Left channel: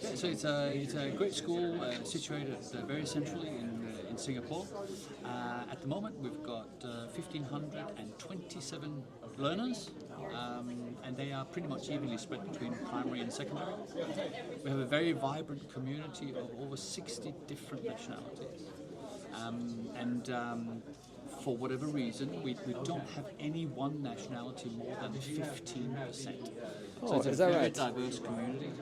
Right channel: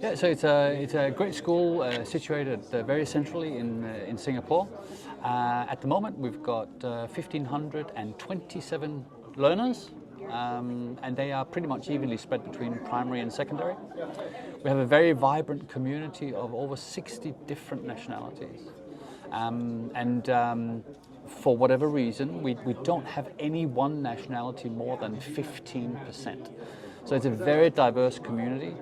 Yeah, so it's a great school situated very centrally in Singapore. At the moment, we've got 1,527 learners, and they are pretty much evenly spread between primary and secondary. We have a very vibrant community of over 60 different nationalities, for whatever reason, we don't have any one nationality more than 15%. So it's a very diverse community.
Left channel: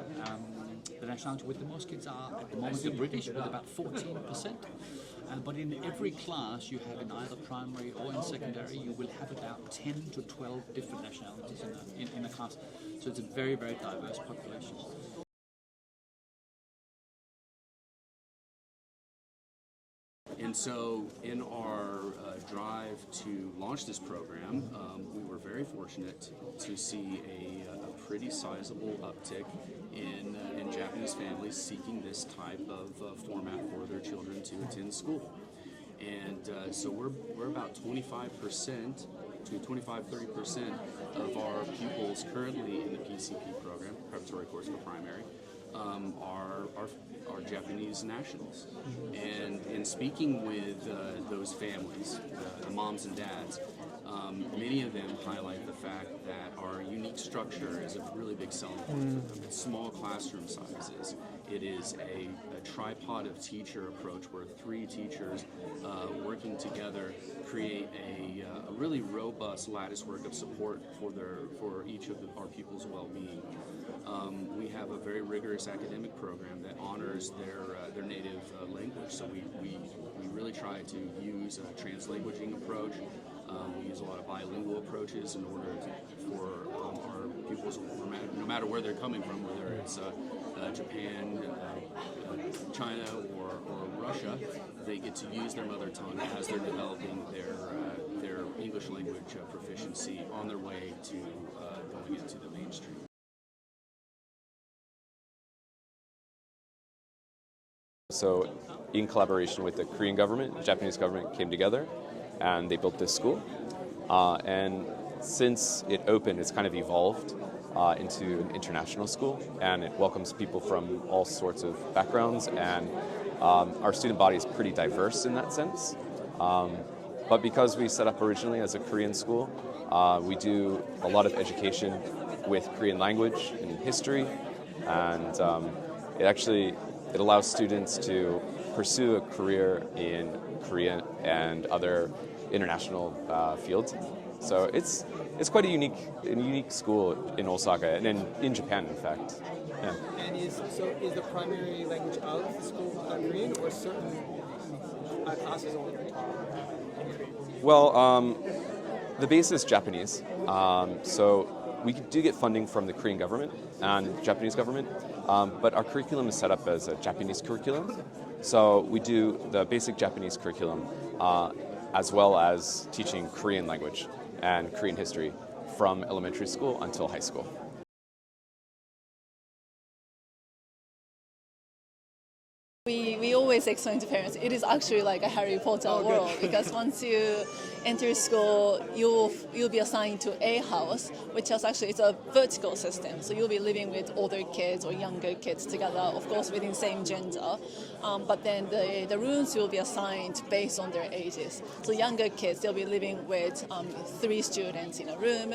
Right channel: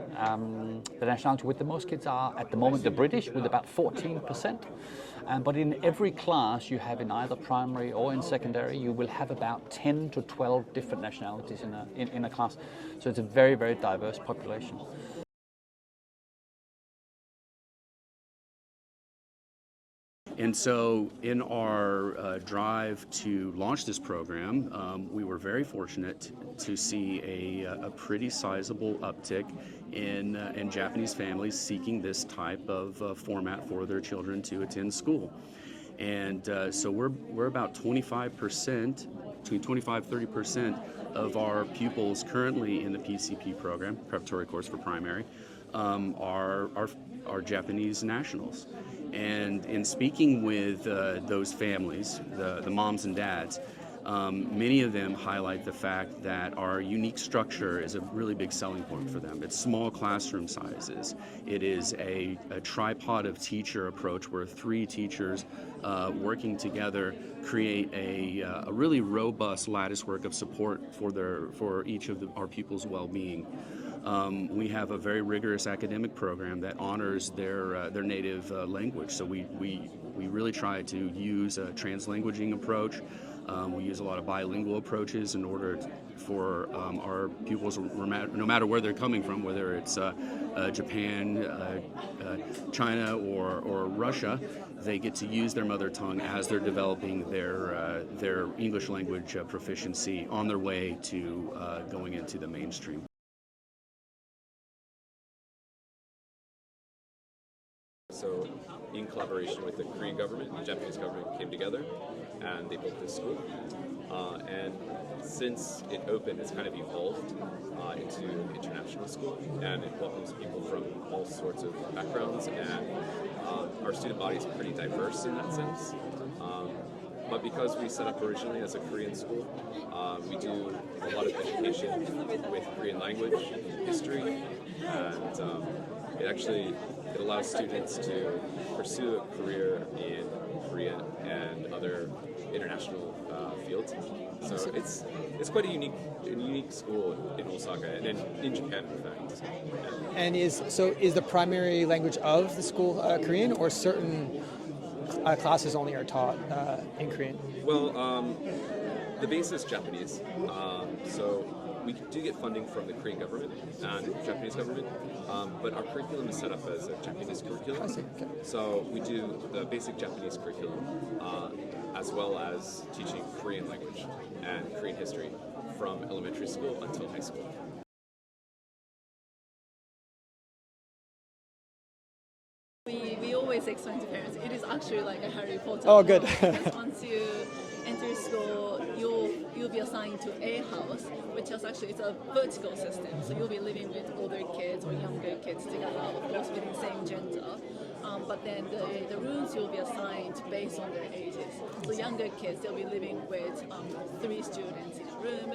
The nationality with the most kids are, at the moment, the British, with about 14%. But in every class you have in either primary or in secondary, you will have about 10 to 12 different nationalities in a class. So it's a very, very diverse population. And so in our drive to launch this program, we were very fortunate to see a pretty sizable uptick in Japanese families seeking this type of format for their children to attend school. And so we're about 25%, between 25-30% of our pupils currently in the PCP program, preparatory course for primary, are Japanese nationals. And in speaking with those families, the moms and dads, many of them highlight the fact that our unique structure is a really big selling point for them. It's small classroom sizes. It is a tripod of teacher approach where 3 teachers working together create a really robust latticework of support for each of our pupils' well-being. We have a very rigorous academic program that honors their native language. So we really try to use a translanguaging approach. We use a lot of bilingual approaches in order for our pupils, no matter where they're coming from, whether it's Japan, China, or Russia, they get to use their mother tongue as they're developing their English language proficiency on their way to going into the mainstream. So, in collaboration with the Korean government, the Japanese government came together and they built this school. And since it opened, it's kind of evolved into an international school, and it welcomes people from all sorts of backgrounds, and our student body is pretty diverse in that sense. But because we set up originally as a Korean school, we do a lot of education with Korean language and history, and it allows students to pursue a career in Korean and other international fields. So it's quite a unique school in Osaka and in Japan, in fact. Yeah. And is the primary language of the school Korean, or certain classes only are taught in Korean? Well, the base is Japanese. So we do get funding from the Korean government and Japanese government, but our curriculum is set up as a Japanese curriculum. So we do the basic Japanese curriculum, as well as teaching Korean language and Korean history from elementary school until high school. We always explain to parents, it is actually like a Harry Potter world, because once you enter school, you'll be assigned to a house, which is actually it's a vertical system. So you'll be living with older kids or younger kids together, of course within the same gender. But then the rooms you'll be assigned based on their ages. So younger kids, they'll be living with 3 students in a room,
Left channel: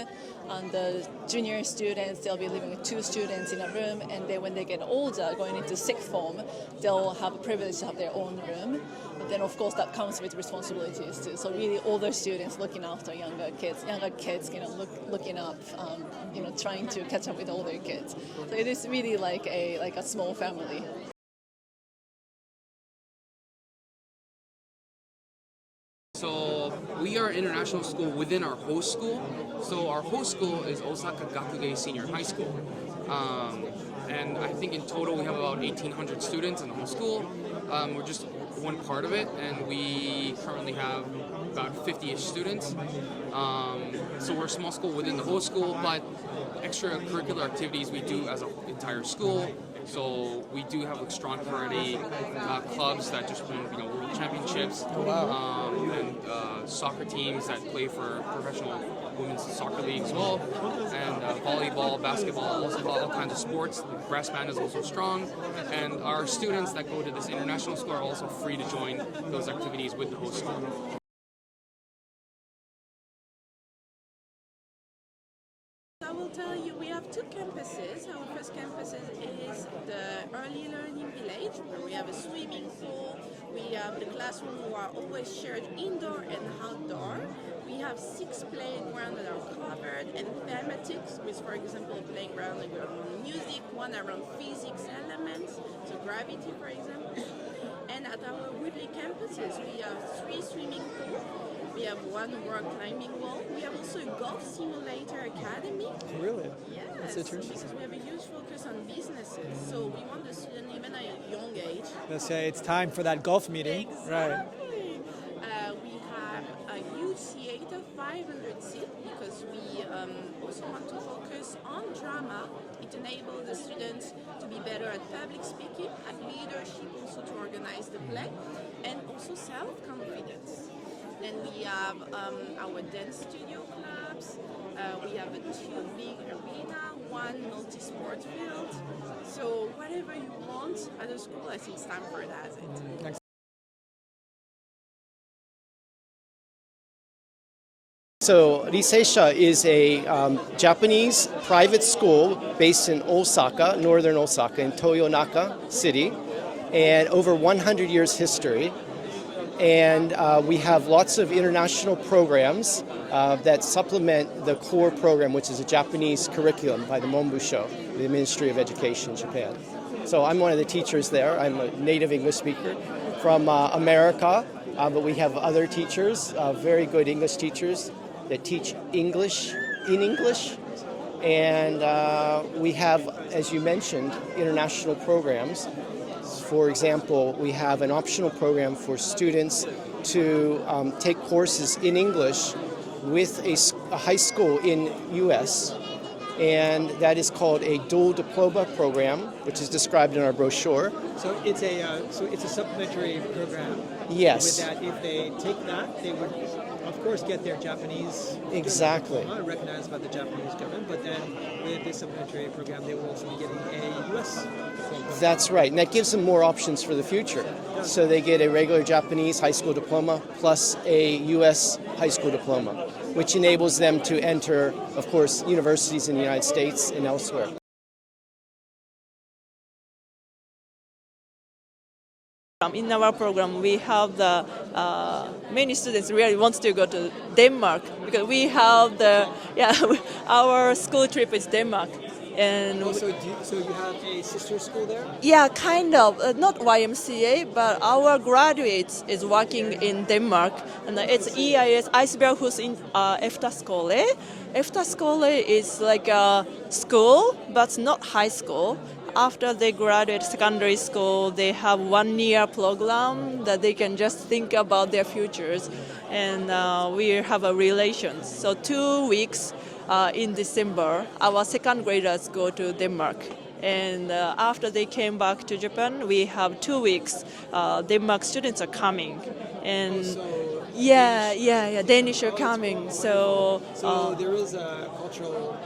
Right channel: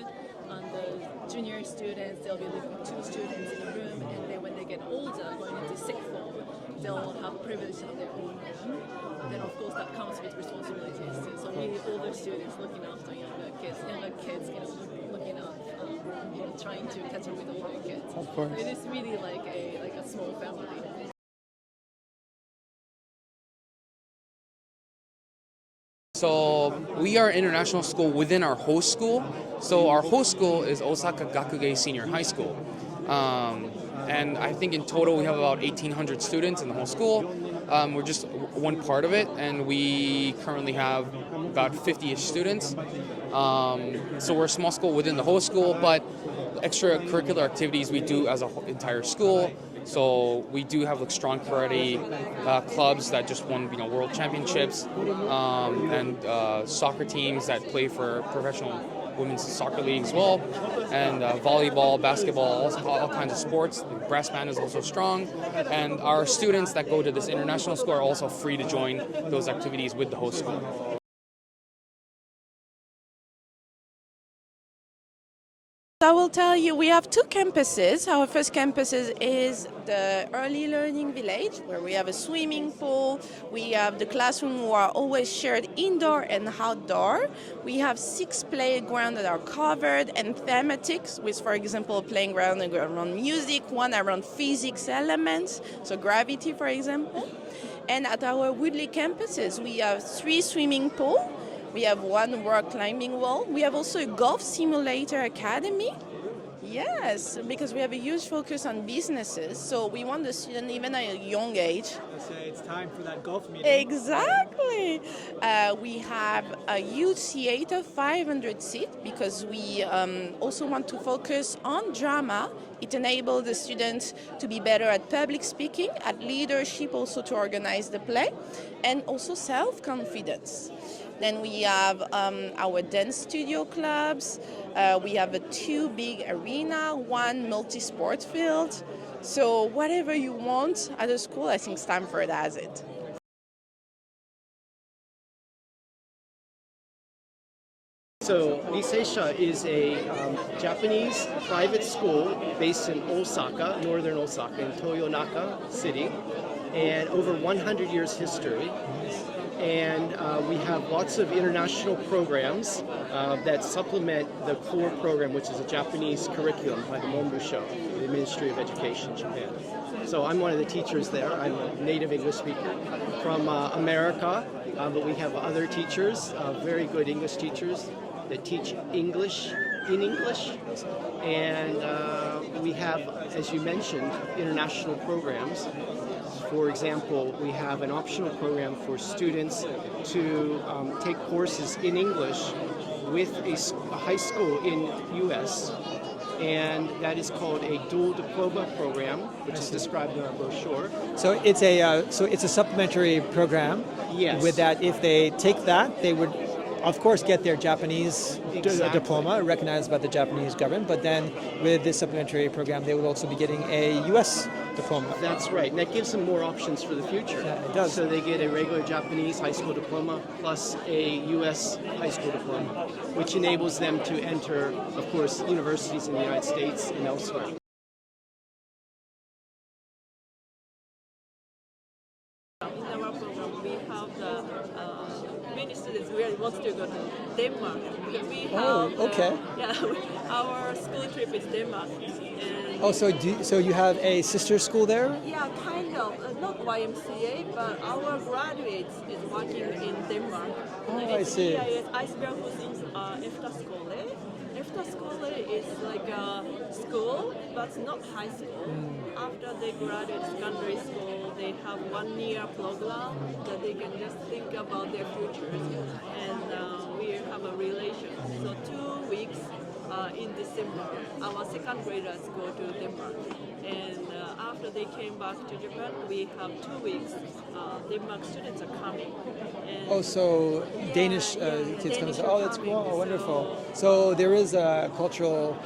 and the junior students, they'll be living with 2 students in a room, and then when they get older, going into sixth form, they'll have a privilege to have their own room. And then of course that comes with responsibilities too. So really older students looking after younger kids, looking up, trying to catch up with older kids. So it is really like a small family. So we are an international school within our host school. So our host school is Osaka Gakugei Senior High School. And I think in total we have about 1,800 students in the whole school. We're just one part of it, and we currently have about 50-ish students. So we're a small school within the whole school, but extracurricular activities we do as an entire school. So we do have strong karate clubs that just won world championships, and soccer teams that play for professional women's soccer league as well, and volleyball, basketball, all kinds of sports. The brass band is also strong, and our students that go to this international school are also free to join those activities with the host school. I will tell you, we have two campuses. Our first campus is the Early Learning Village, where we have a swimming pool. We have the classroom who are always shared indoor and outdoor. We have 6 playgrounds that are covered and thematics, with, for example, a playground around music, one around physics elements, so gravity, for example. And at our Woodley campuses, we have 3 swimming pools. We have 1 rock climbing wall. We have also a golf simulator academy. Really? Yes, because we have a huge focus on businesses. So we want the student, even at a young age. Let's say it's time for that golf meeting. Exactly. We have a huge theater, 500 seats, because we also want to focus on drama. It enables the students to be better at public speaking, at leadership, also to organize the play, and also self-confidence. Then we have our dance studio clubs. We have 2 big arena, 1 multi-sport field. So whatever you want at a school, I think Stanford has it. So Riseisha is a Japanese private school based in Osaka, northern Osaka, in Toyonaka City, and over 100 years history. And we have lots of international programs that supplement the core program, which is a Japanese curriculum by the Monbusho, the Ministry of Education in Japan. So I'm one of the teachers there. I'm a native English speaker from America, but we have other teachers, very good English teachers that teach English in English. And we have, as you mentioned, international programs. For example, we have an optional program for students to take courses in English with a high school in U.S., and that is called a dual diploma program, which is described in our brochure. So it's a supplementary program. Yes. With that, if they take that, they would, of course, get their Japanese diploma recognized by the Japanese government. But then, with this supplementary program, they would also be getting a U.S. diploma. That's right, and that gives them more options for the future. So they get a regular Japanese high school diploma plus a U.S. high school diploma, which enables them to enter, of course, universities in the United States and elsewhere. In our program, we have the many students really wants to go to Denmark because we have the our school trip is Denmark. And so you have a sister school there? Yeah, kind of. Not YMCA, but our graduates is working in Denmark. And it's EIS Iceberghus in Efterskole. Efterskole is like a school, but not high school. After they graduate secondary school, they have 1-year program that they can just think about their futures. And we have a relation. So 2 weeks in December, our second graders go to Denmark. And after they came back to Japan, we have 2 weeks. Denmark students are coming. And Danish are coming. So there is a cultural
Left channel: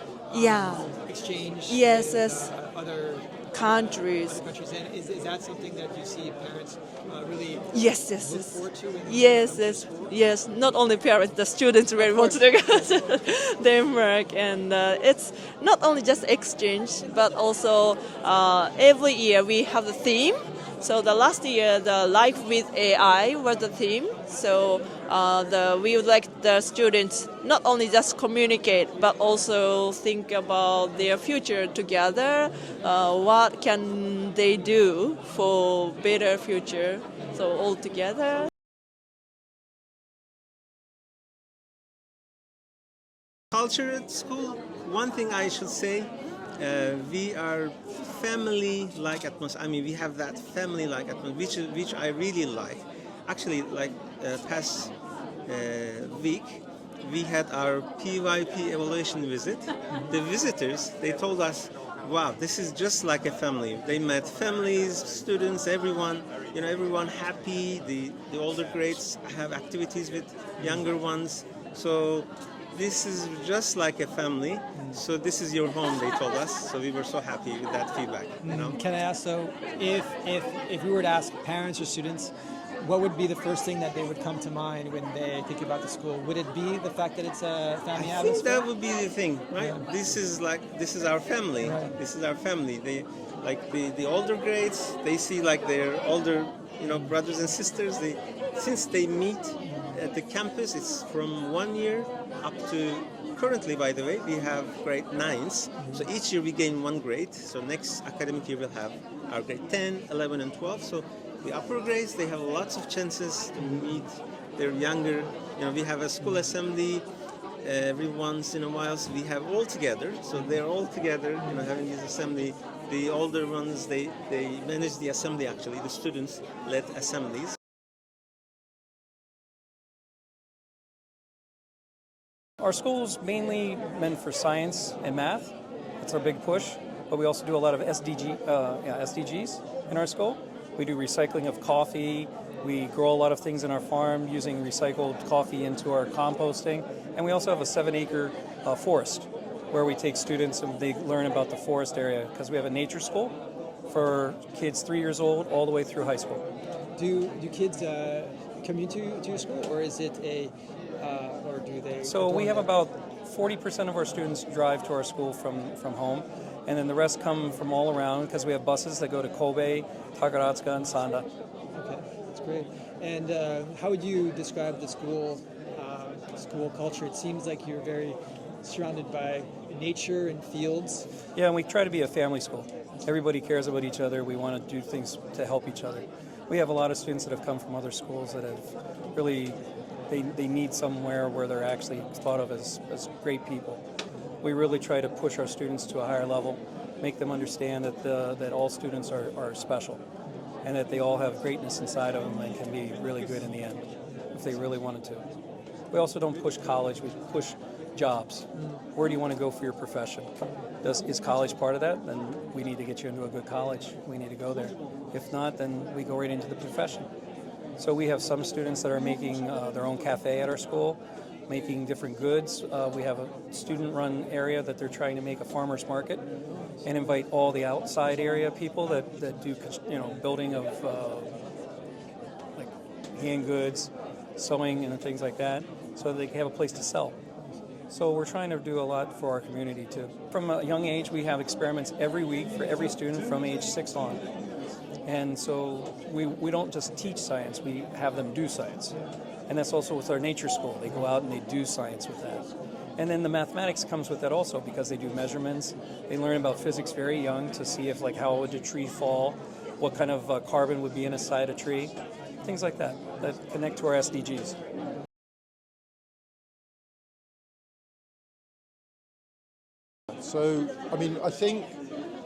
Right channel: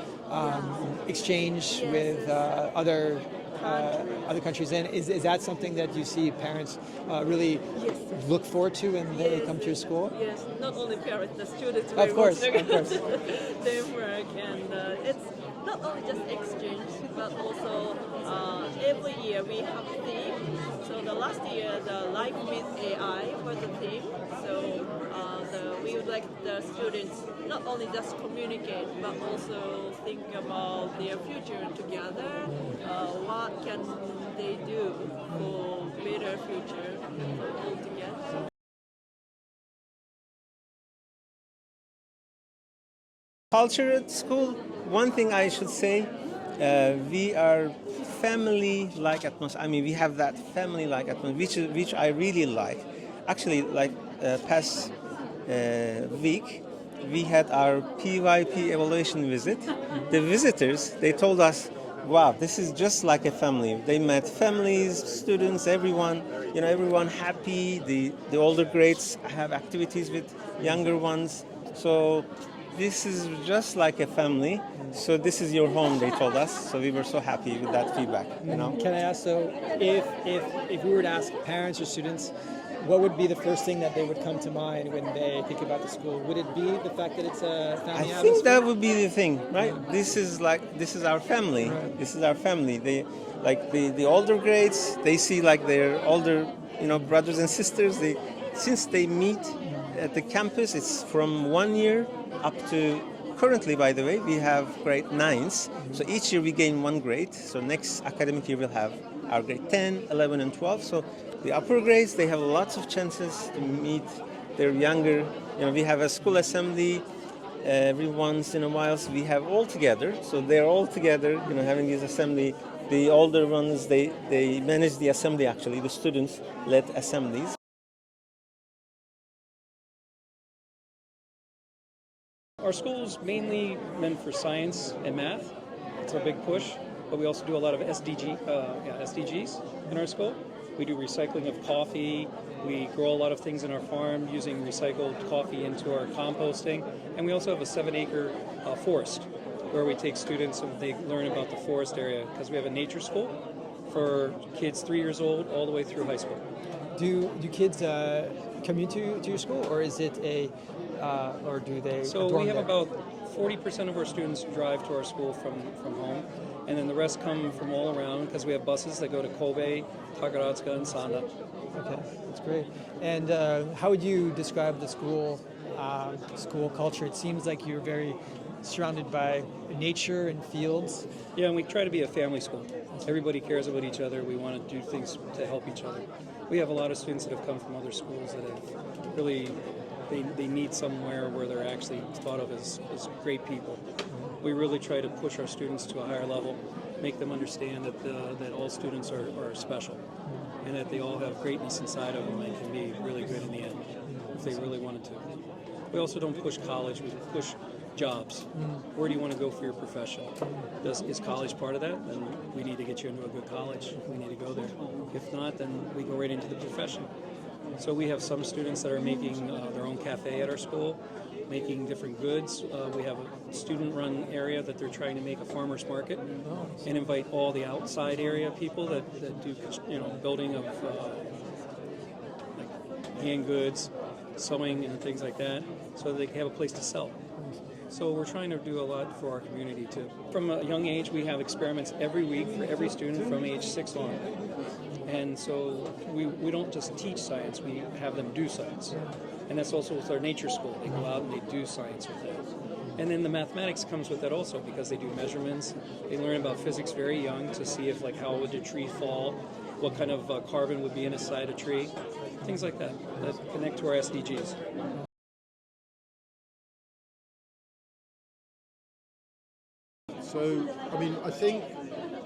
exchange with other countries. And is that something that you see parents really look forward to when they come to school? Yes, not only parents, the students really want to go to Denmark. And it's not only just exchange, but also every year we have a theme. So the last year, the Life with AI was the theme. So we would like the students not only just communicate, but also think about their future together. What can they do for better future? So all together. Culture at school, one thing I should say, we are family-like atmosphere. I mean, we have that family-like atmosphere, which I really like. Actually, like past week, we had our PYP evaluation visit. The visitors, they told us, wow, this is just like a family. They met families, students, everyone, everyone happy. The older grades have activities with younger ones. So this is just like a family. So this is your home, they told us. So we were so happy with that feedback. You know. Can I ask, so if we were to ask parents or students, what would be the first thing that they would come to mind when they think about the school? Would it be the fact that it's a family I atmosphere? think that would be the thing, right? Yeah. This is our family. Right. This is our family. The older grades, they see like their older, brothers and sisters. Since they meet at the campus, it's from 1 year up to currently, by the way, we have grade 9s. So each year we gain 1 grade. So next academic year we'll have our grade 10, 11, and 12. So the upper grades, they have lots of chances to meet their younger. We have a school assembly every once in a while. So we have all together. So they're all together, having this assembly. The older ones, they manage the assembly actually. The students led assemblies. Our school is mainly meant for science and math. It's our big push, but we also do a lot of SDGs in our school. We do recycling of coffee. We grow a lot of things in our farm using recycled coffee into our composting. And we also have a 7-acre forest where we take students and they learn about the forest area because we have a nature school for kids 3 years old all the way through high school. Do kids commute to your school, or is it or do they? So we have about 40% of our students drive to our school from home, and then the rest come from all around because we have buses that go to Kobe, Takaratsuka, and Sanda. Okay, that's great. And how would you describe the school culture? It seems like you're very surrounded by nature and fields. Yeah, and we try to be a family school. Everybody cares about each other. We want to do things to help each other. We have a lot of students that have come from other schools that have really, they meet somewhere where they're actually thought of as great people. We really try to push our students to a higher level, make them understand that all students are special and that they all have greatness inside of them and can be really good in the end if they really wanted to. We also don't push college, we push jobs. Where do you want to go for your profession? Is college part of that? Then we need to get you into a good college. We need to go there. If not, then we go right into the profession. So we have some students that are making their own cafe at our school, making different goods. We have a student-run area that they're trying to make a farmer's market and invite all the outside area people that do building of like hand goods, sewing and things like that, so that they can have a place to sell. So we're trying to do a lot for our community too. From a young age, we have experiments every week for every student from age 6 on. And so we don't just teach science, we have them do science. And that's also with our nature school. They go out and they do science with that. And then the mathematics comes with that also because they do measurements. They learn about physics very young to see if how would a tree fall, what kind of carbon would be inside a tree, things like that connect to our SDGs. So, I think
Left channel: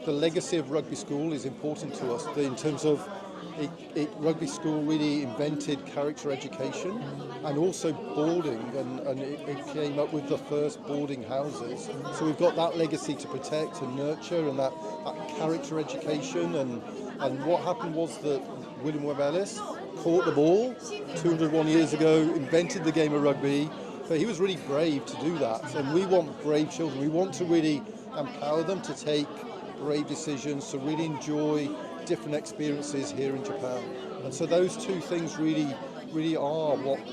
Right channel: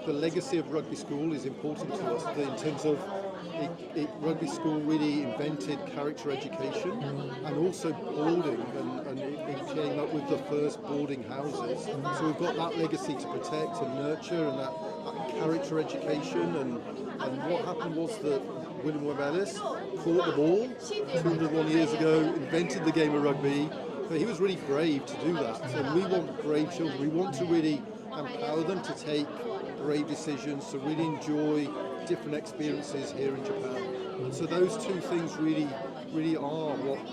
the legacy of rugby school is important to us in terms of rugby school really invented character education and also boarding, and it came up with the first boarding houses. So we've got that legacy to protect and nurture, and that character education. And what happened was that William Webb Ellis caught the ball 201 years ago, invented the game of rugby. But he was really brave to do that, and we want brave children. We want to really empower them to take brave decisions, to really enjoy different experiences here in Japan. And so those two things really are what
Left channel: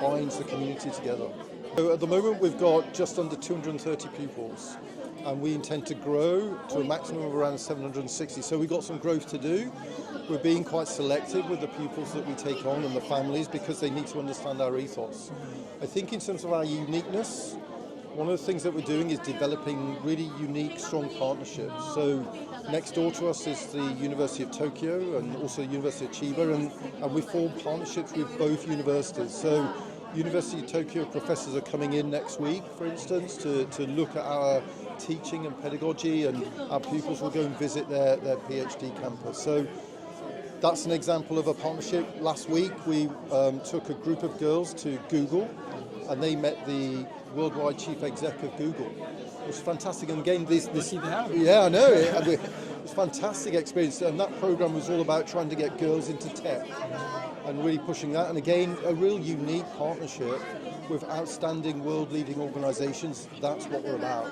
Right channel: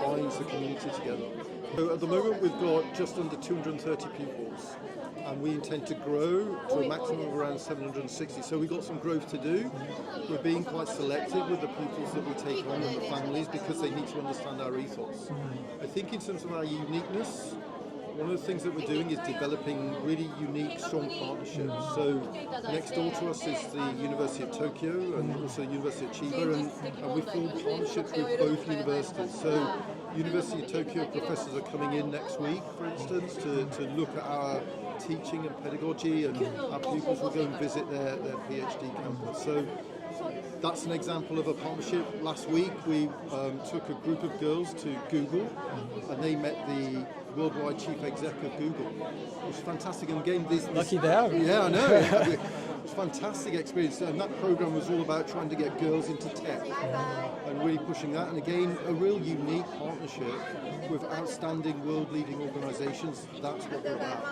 binds the community together. So at the moment we've got just under 230 pupils, and we intend to grow to a maximum of around 760. So we've got some growth to do. We're being quite selective with the pupils that we take on and the families because they need to understand our ethos. I think in terms of our uniqueness, one of the things that we're doing is developing really unique, strong partnerships. So next door to us is the University of Tokyo and also the University of Chiba, and we form partnerships with both universities. So University of Tokyo professors are coming in next week, for instance, to look at our teaching and pedagogy, and our pupils will go and visit their PhD campus. So that's an example of a partnership. Last week we took a group of girls to Google, and they met the worldwide chief exec of Google, which is fantastic. And again, this lucky to have. Yeah, I know. It's fantastic experience, and that program was all about trying to get girls into tech and really pushing that. And again, a real unique partnership with outstanding world-leading organisations. That's what we're about.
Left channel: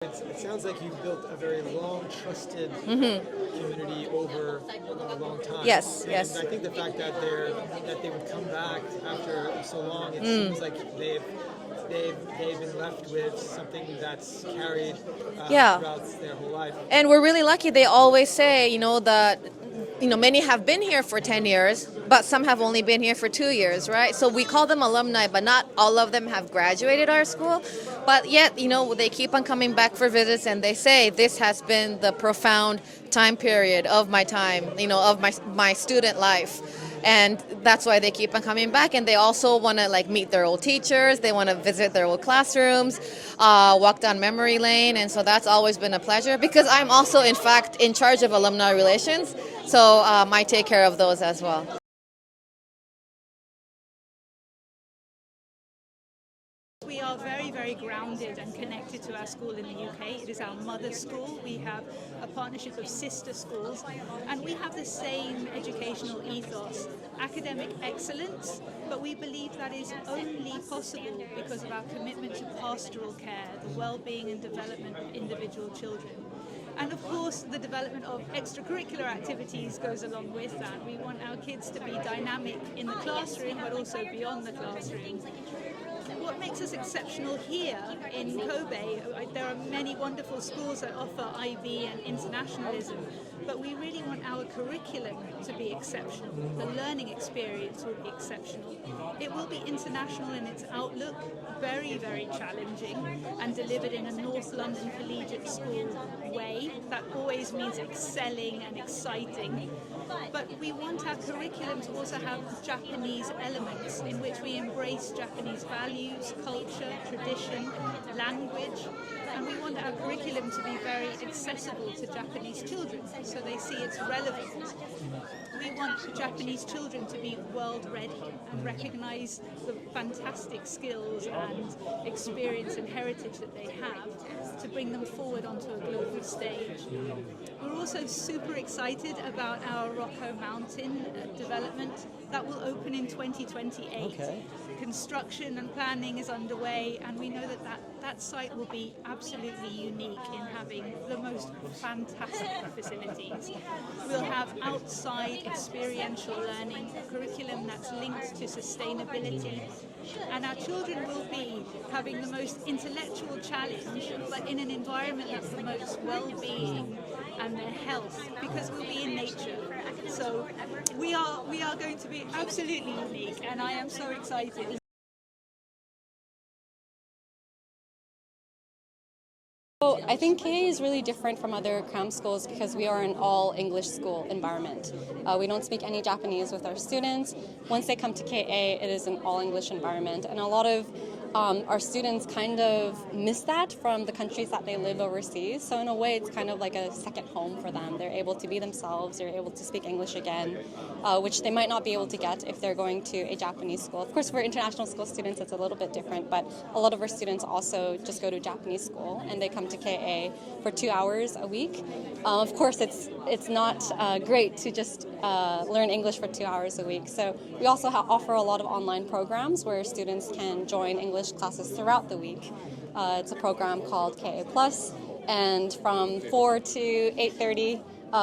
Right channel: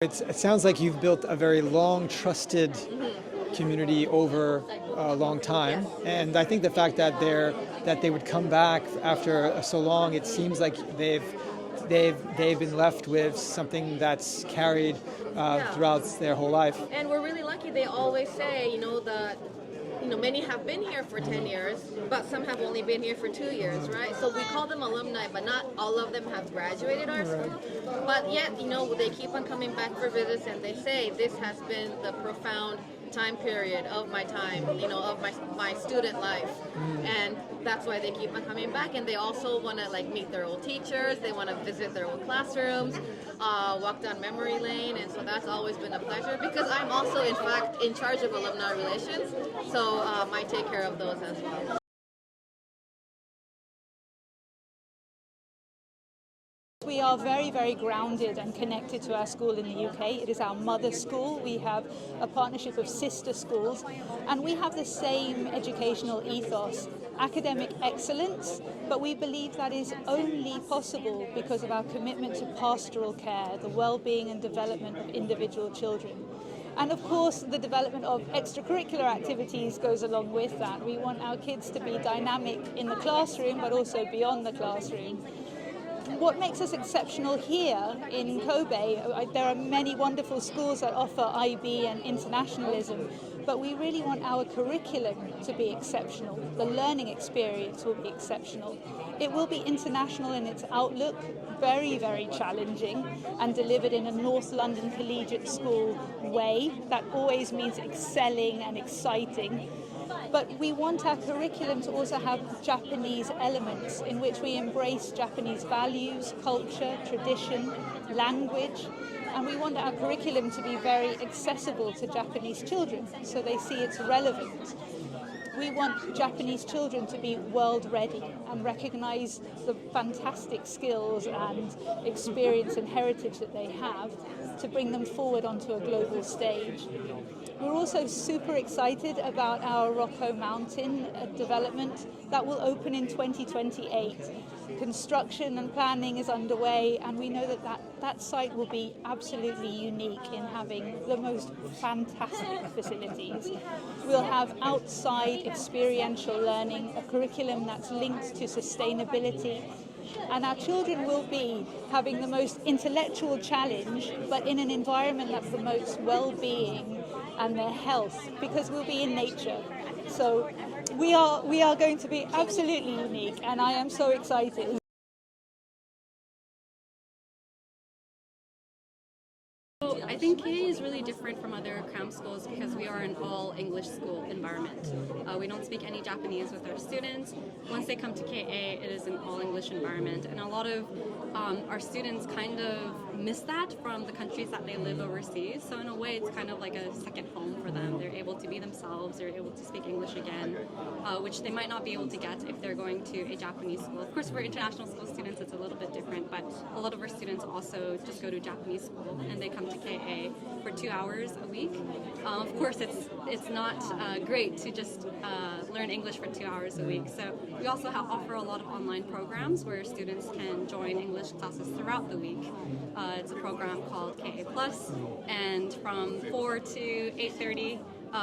It sounds like you've built a very long, trusted community over a long time. Yes, and yes. I think the fact that they would come back after so long, it seems like they've been left with something that's carried throughout their whole life. And we're really lucky. They always say, that many have been here for 10 years, but some have only been here for 2 years, right? So we call them alumni, but not all of them have graduated our school. But yet, they keep on coming back for visits, and they say this has been the profound time period of my time, of my student life. And that's why they keep on coming back. And they also want to meet their old teachers. They want to visit their old classrooms, walk down memory lane. And so that's always been a pleasure, because I'm also, in fact, in charge of alumni relations. So I take care of those as well. We are very, very grounded and connected to our school in the UK. It is our mother school. We have a partnership of sister schools, and we have the same educational ethos, academic excellence, but we believe that is only possible because of our commitment to pastoral care, the well-being and development of individual children. And of course, the development of extracurricular activities goes along with that. We want our kids to be dynamic in the classroom, but also beyond the classroom. What makes us exceptional here in Kobe, there are many wonderful schools that offer IB and internationalism, but we really want our curriculum to be exceptional. The learning experience will be exceptional. It will be international in its outlook, very, very challenging, and delivered in a North London collegiate school way. That always means excelling and exciting. But we want our curriculum to also have Japanese elements in which we embrace Japanese values, culture, tradition, language, and we want our curriculum to be very accessible to Japanese children so they see its relevance. We want Japanese children to be world ready and recognise the fantastic skills and experience and heritage that they have to bring them forward onto a global stage. We're also super excited about our Rocco Mountain development that will open in 2028. Construction and planning is underway, and we know that site will be absolutely unique in having the most fantastic facilities. We'll have outside experiential learning, a curriculum that's linked to sustainability, and our children will be having the most intellectual challenge, but in an environment that's the most well-being and their health, because we'll be in nature. So we are going to be absolutely unique, and I am so excited. So I think KA is really different from other cram schools because we are an all English school environment. We don't speak any Japanese with our students. Once they come to KA, it is an all English environment, and a lot of our students kind of miss that from the countries that they live overseas. So in a way, it's kind of like a second home for them. They're able to be themselves, they're able to speak English again, which they might not be able to get if they're going to a Japanese school. Of course, for international school students, it's a little bit different, but a lot of our students also just go to Japanese school and they come to KA for 2 hours a week. Of course, it's not great to just learn English for 2 hours a week. So we also offer a lot of online programs where students can join English classes throughout the week. It's a program called KA Plus, and from 4 to 8:30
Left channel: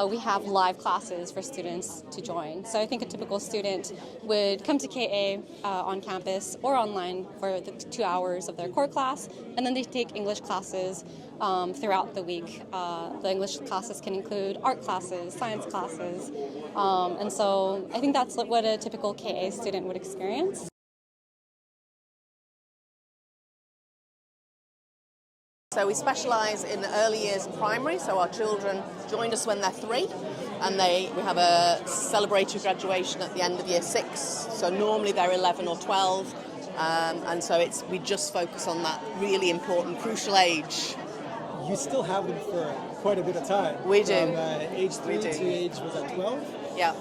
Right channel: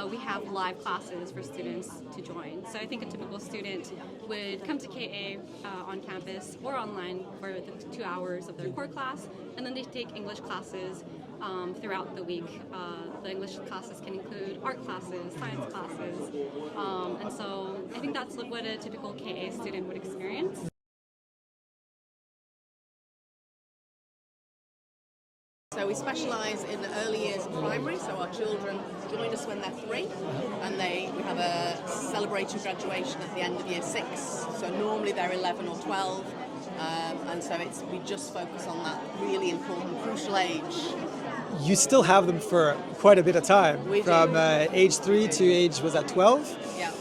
we have live classes for students to join. So I think a typical student would come to KA on campus or online for the 2 hours of their core class, and then they take English classes throughout the week. The English classes can include art classes, science classes, and so I think that's what a typical KA student would experience. So we specialise in early years primary, so our children join us when they're 3, and we have a celebratory graduation at the end of year 6, so normally they're 11 or 12, and so we just focus on that really important, crucial age. You still have them for quite a bit of time. We do. From age 3 to age, was that 12? Yeah.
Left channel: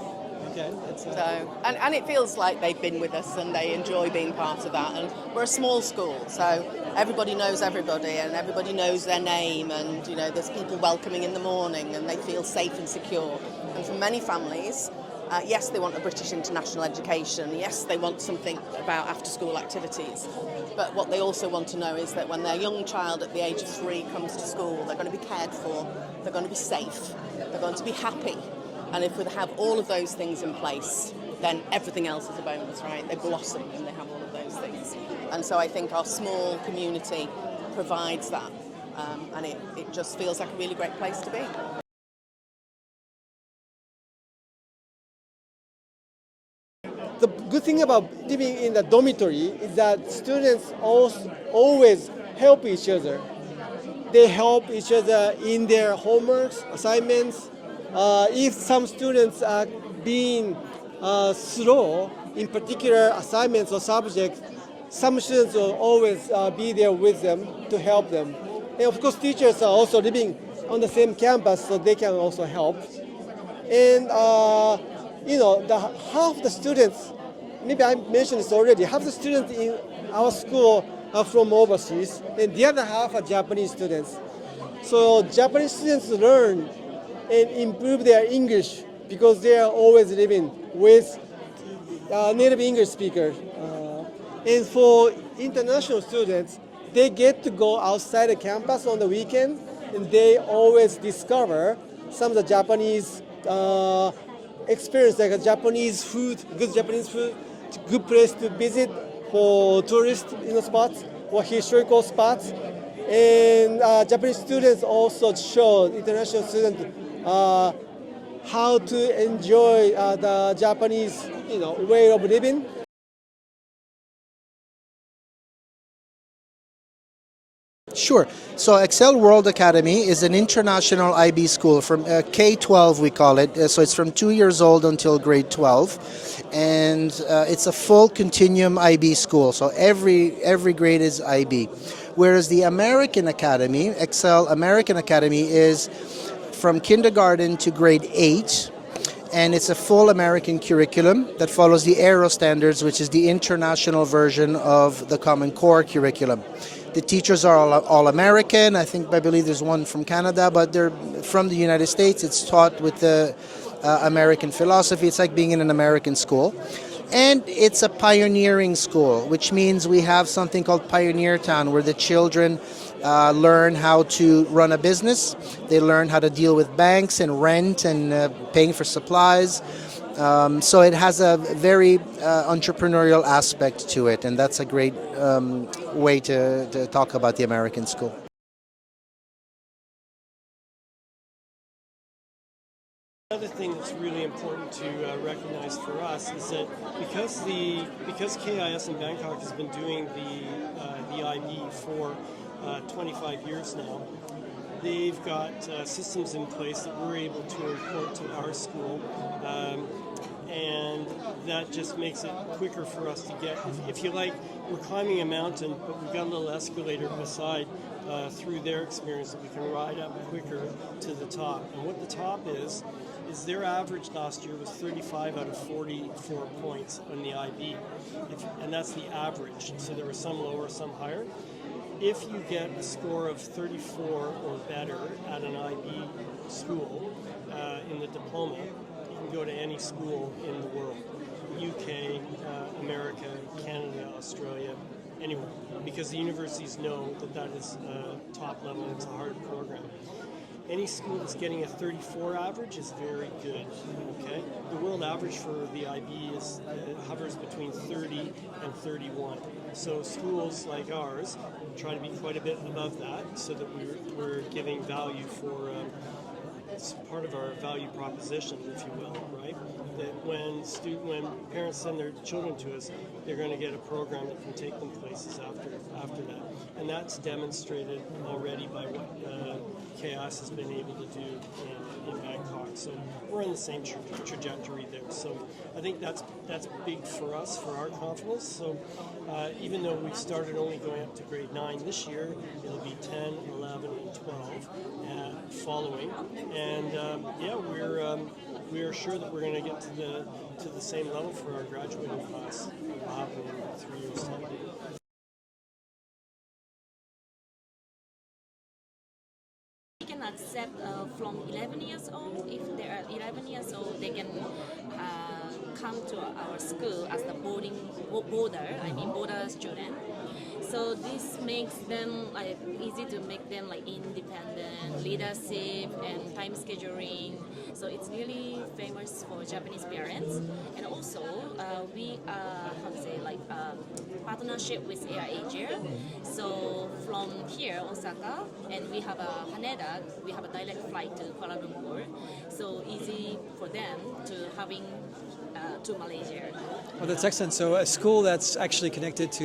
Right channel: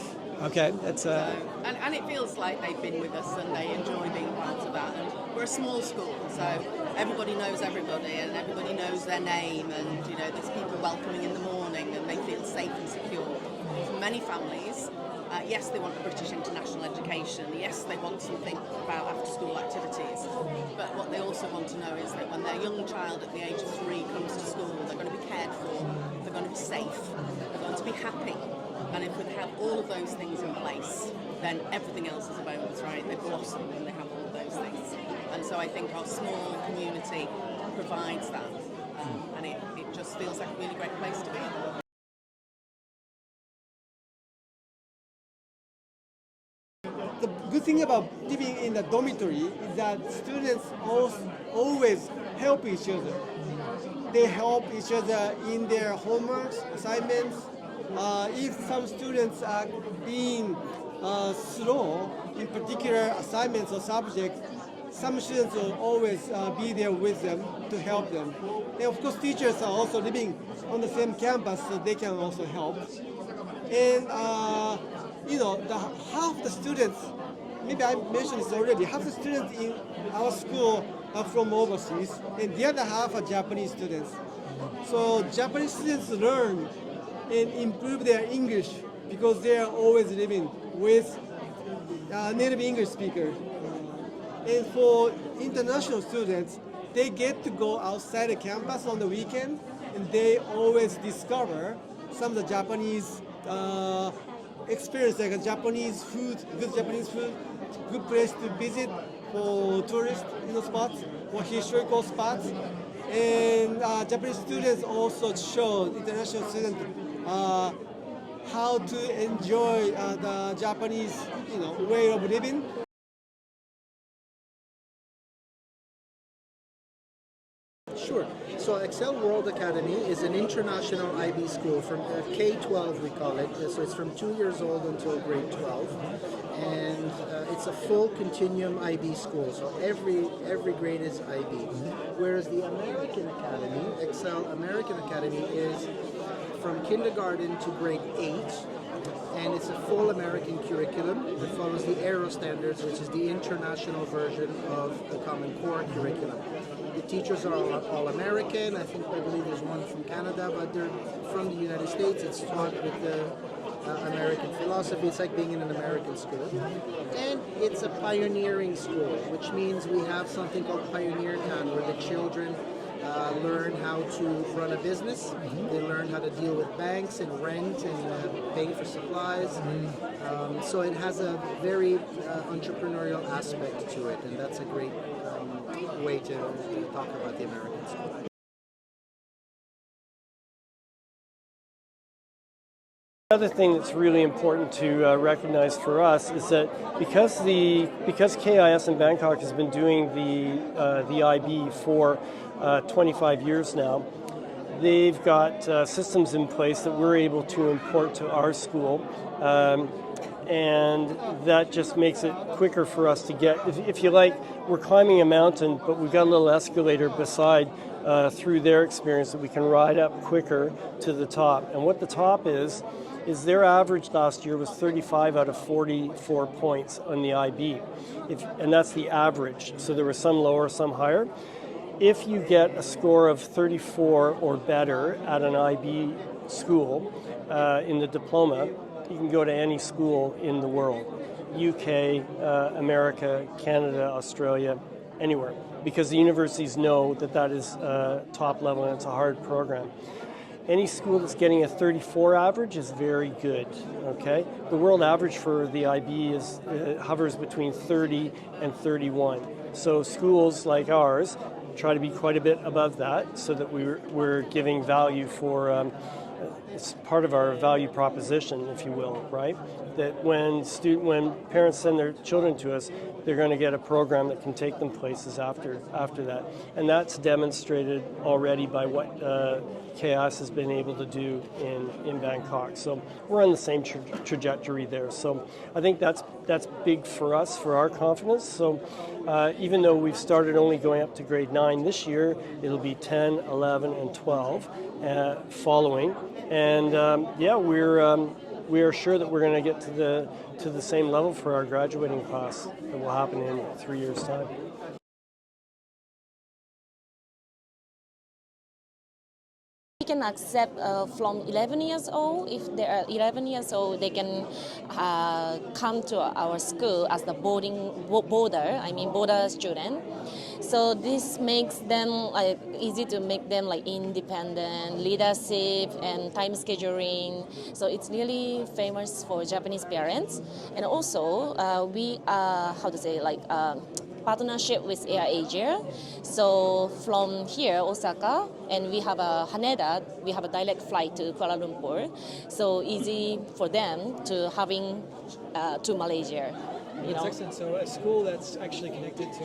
Okay, that's and it feels like they've been with us and they enjoy being part of that. And we're a small school, so everybody knows everybody and everybody knows their name, and you know there's people welcoming in the morning and they feel safe and secure. And for many families, yes, they want a British international education. Yes, they want something about after-school activities. But what they also want to know is that when their young child at the age of 3 comes to school, they're going to be cared for, they're going to be safe, they're going to be happy. And if we have all of those things in place, then everything else is a bonus, right? They blossom when they have all of those things. And so I think our small community provides that. And it just feels like a really great place to be. The good thing about living in the dormitory is that students always help each other. They help each other in their homeworks, assignments. If some students are being slow in particular assignments or subjects, some students will always be there with them to help them. And of course, teachers are also living on the same campus, so they can also help. And you know, half the students, maybe I mentioned this already, half the students in our school are from overseas, and the other half are Japanese students. So Japanese students learn and improve their English because they are always living with native English speakers. And for international students, they get to go outside the campus on the weekend, and they always discover some of the Japanese experience, like a Japanese food, good place to visit for tourist spots or historical spots. And Japanese students also show international students how to enjoy the Japanese way of living. Sure. So Excel World Academy is an international IB school from K-12 we call it. So it's from 2 years old until grade 12. And it's a full continuum IB school. So every grade is IB. Whereas the American Academy, Excel American Academy, is from kindergarten to grade 8. And it's a full American curriculum that follows the Aero standards, which is the international version of the Common Core curriculum. The teachers are all American. I believe there's one from Canada, but they're from the United States. It's taught with the American philosophy. It's like being in an American school. And it's a pioneering school, which means we have something called Pioneer Town, where the children learn how to run a business. They learn how to deal with banks and rent and paying for supplies. So it has a very entrepreneurial aspect to it, and that's a great way to talk about the American school. Another thing that's really important to recognize for us is that because KIS in Bangkok has been doing the IB for 25 years now, they've got systems in place that we're able to import to our school, and that just makes it quicker for us to get. If you like, we're climbing a mountain, but we've got a little escalator beside through their experience that we can ride up quicker to the top. And what the top is their average last year was 35 out of 44 points on the IB, and that's the average. So there were some lower, some higher. If you get a score of 34 or better at an IB school in the diploma, you can go to any school in the world, UK, America, Canada, Australia, anywhere, because the universities know that is top level and it's a hard program. Any school that's getting a 34 average is very good, okay? The world average for the IB hovers between 30 and 31. So schools like ours try to be quite a bit above that so that we're giving value for, it's part of our value proposition, if you will, right? That when parents send their children to us, they're going to get a program that can take them places after that. And that's demonstrated already by what KIS has been able to do in Bangkok. So we're on the same trajectory there. So I think that's big for us, for our confidence. So even though we've started only going up to grade 9 this year, it'll be 10, 11, and 12 following. And we are sure that we're going to get to the same level for our graduating class that will happen in 3 years' time. can accept from 11 years old. If they are 11 years old, they can come to our school as the border student. So this makes them like easy to make them like independent, leadership, and time scheduling. So it's really famous for Japanese parents. And also we are partnership with Air Asia. So from here, Osaka, and we have a Haneda, we have a direct flight to Kuala Lumpur. So easy for them to having to Malaysia. Well, that's excellent. So a school that's actually connected to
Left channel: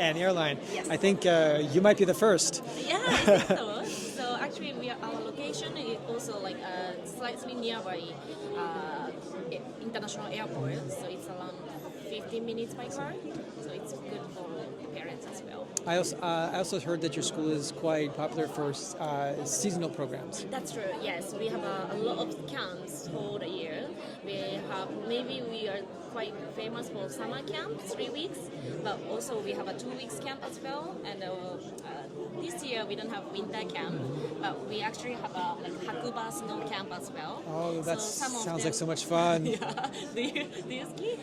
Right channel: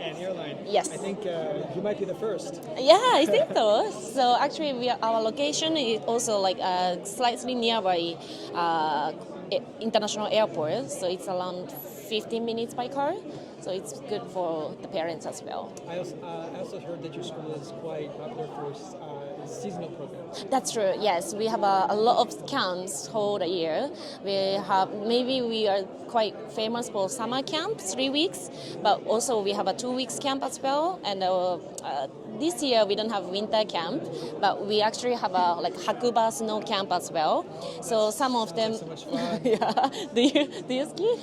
an airline. Yes. I think you might be the first. Yeah, I think so. So actually, our location is also like slightly nearby international airport. So it's around 15 minutes by car. So it's good for the parents as well. I also heard that your school is quite popular for seasonal programs. That's true. Yes, we have a lot of camps whole the year. We are quite famous for summer camp, 3 weeks, but also we have a 2 weeks camp as well. And this year we don't have winter camp, but we actually have a Hakuba snow camp as well. Oh, so some of sounds them. like so much fun. Yeah. Do you ski?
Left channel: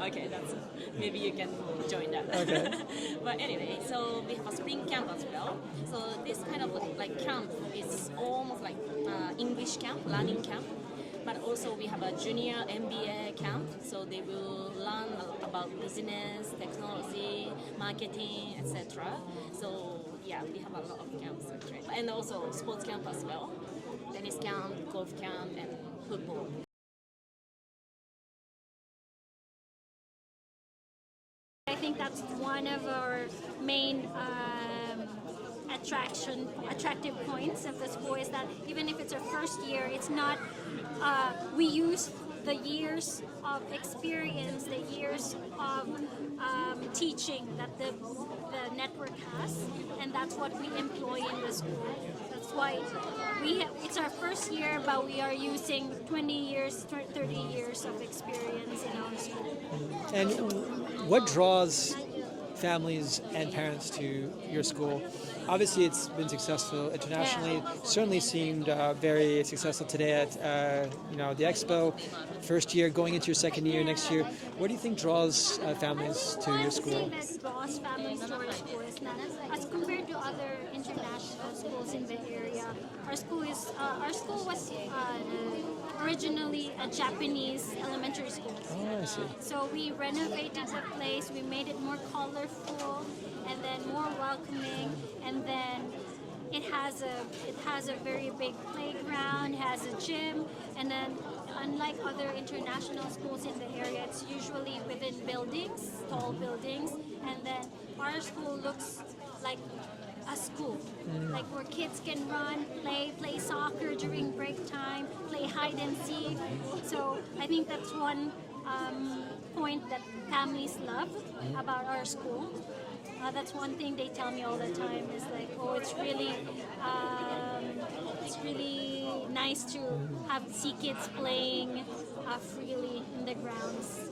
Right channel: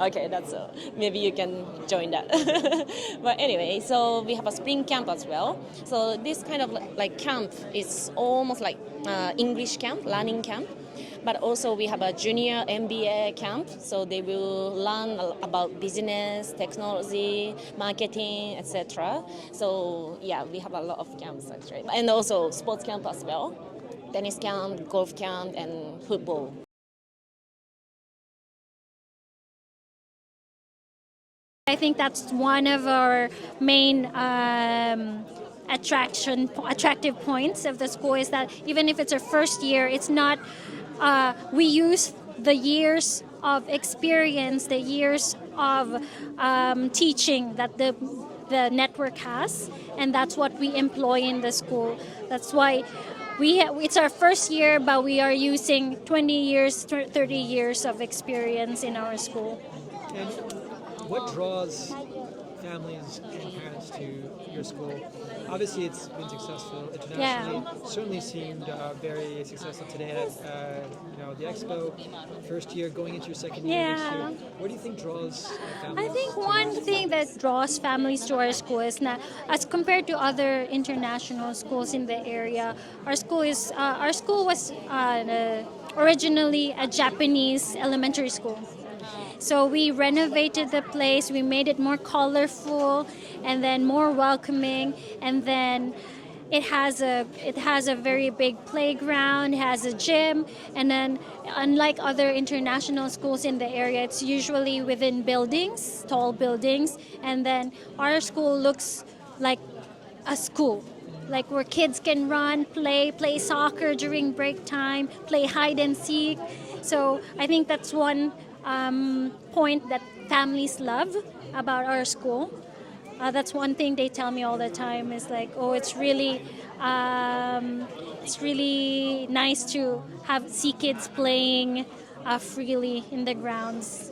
Okay, that's maybe you can join that. Okay. But anyway, so we have a spring camp as well. So this kind of like camp is almost like English camp, learning camp. But also we have a junior MBA camp, so they will learn about business, technology, marketing, etc. So yeah, we have a lot of camps actually, and also sports camp as well, tennis camp, golf camp, and football. I think that's one of our main attractive points of the school is that even if it's our first year, it's not. We use the years of experience, the years of teaching that the network has, and that's what we employ in the school. That's why it's our first year, but we are using 20 years, 30 years of experience in our school. And what draws families and parents to your school? Obviously, it's been successful internationally. Yeah. Certainly seemed very successful today at the Expo. First year, going into your second year next year. What do you think draws families? I think to one your school? thing that draws families to our school is that, as compared to other international schools in the area, our school was originally a Japanese elementary school. So we renovated the place, we made it more colorful and then more welcoming, and then it has a very big playground, it has a gym, and then unlike other international schools in the area, it's usually within buildings, tall buildings, and then our school looks like a school. Like where kids can run, play soccer during break time, play hide and seek. So I think that's one point that families love about our school. That's one thing they tell me all the time is like, oh, it's really nice to see kids playing freely in the grounds.